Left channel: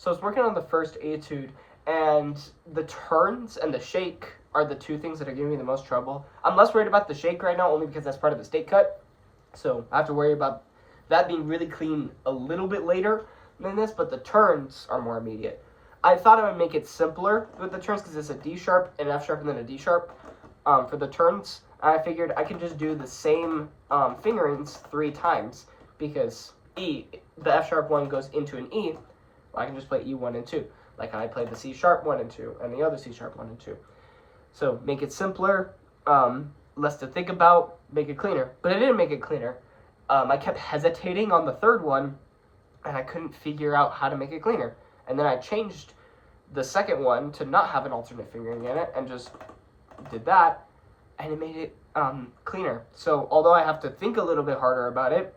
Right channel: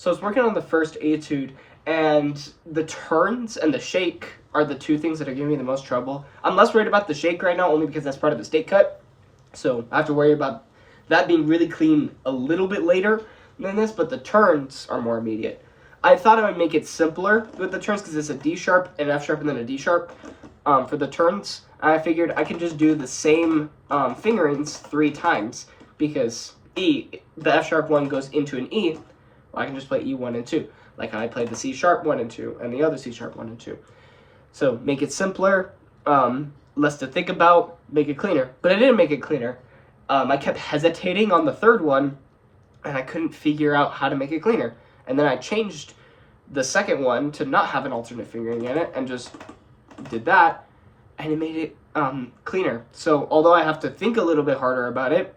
So I was working on the first etude, and the turns and the shake are the two things that are giving me the most trouble. I'm less worried about the shake right now, only because that's part of the state cut. So I have to worry about that being really clean a little bit later than this, but the turns are more immediate. I thought I would make it simpler with the turns because it's a D sharp, an F sharp, and then a D sharp for the turns. I figured I could just do the same fingerings 3 times because the F sharp one goes into an E. Well, I can just play E 1 and 2, like I played the C sharp 1 and 2, and the other C sharp 1 and 2. So make it simpler, less to think about, make it cleaner. But I didn't make it cleaner. I kept hesitating on the third one, and I couldn't figure out how to make it cleaner. And then I changed the second one to not have an alternate fingering in it, and just did that, and it made it cleaner. So although I have to think a little bit harder about it,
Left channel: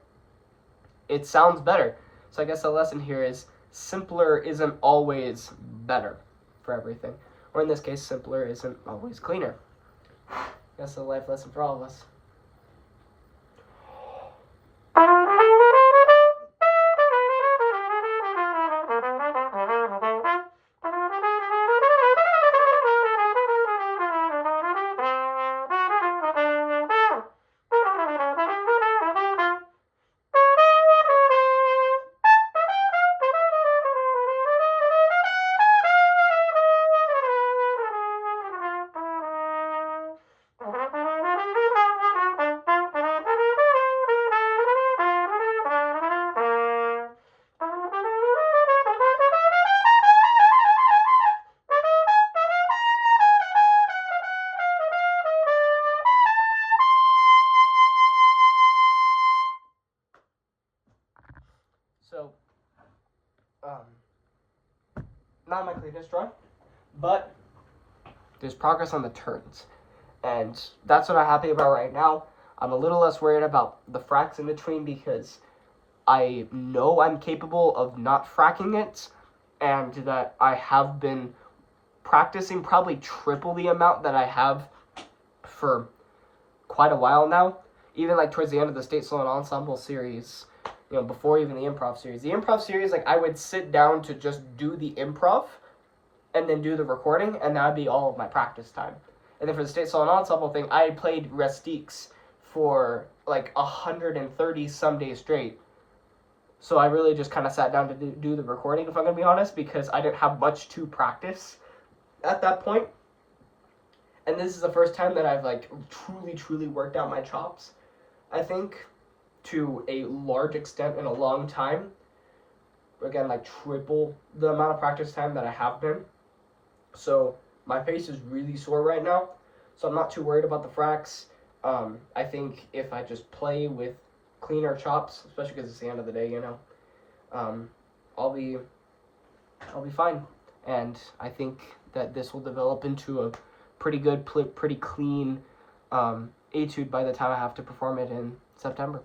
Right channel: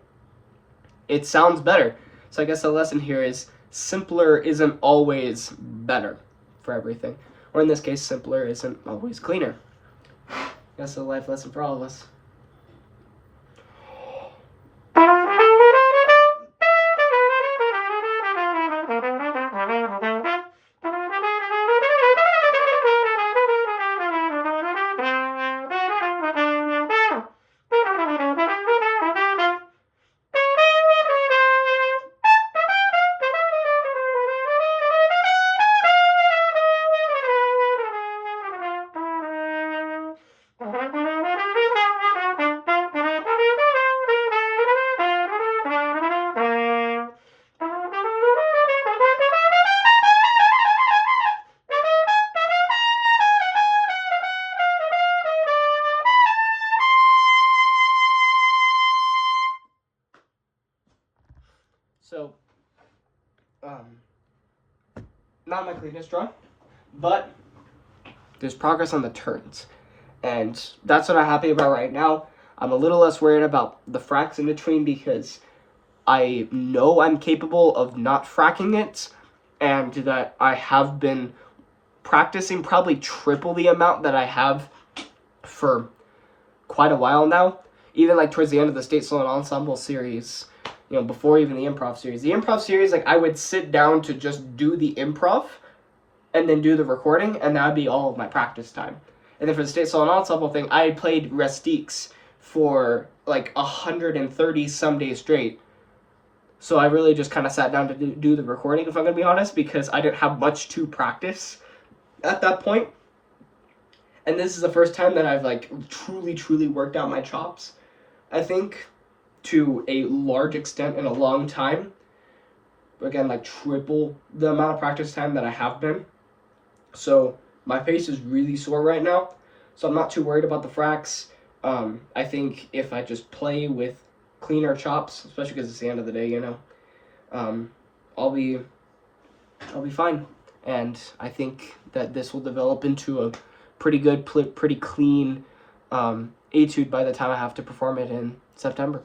it sounds better. So I guess the lesson here is simpler isn't always better for everything. Or in this case, simpler isn't always cleaner. That's a life lesson for all of us. So, not my cleanest draw, but there's progress on the turns. And that's what I'm happy about right now. I'm a little less worried about the fracks in between because I know I'm capable of not fracking it, and that I have been practicing probably triple the amount that I have for quite a while now. Even like towards the end of the State Solo Ensemble series, you know, before even the improv series. The improv series, like, I would sit down to just do the improv and then do the recording, and that would be all of my practice time. And then for the State Solo Ensemble thing, I played Rustiques for like 130 some days straight. So I really just kind of sat down to do the recording, if I'm going to be honest, because I didn't have much to practice at that point. And this is the first time that I've like truly worked out my chops, I think, to a large extent in a long time. Again, like triple the amount of practice time that I have been. So my face is really sore right now, so I'm not too worried about the fracks. I think if I just play with cleaner chops, especially because it's the end of the day, you know, I'll be fine. And I think that this will develop into a pretty good, pretty clean etude by the time I have to perform it in September.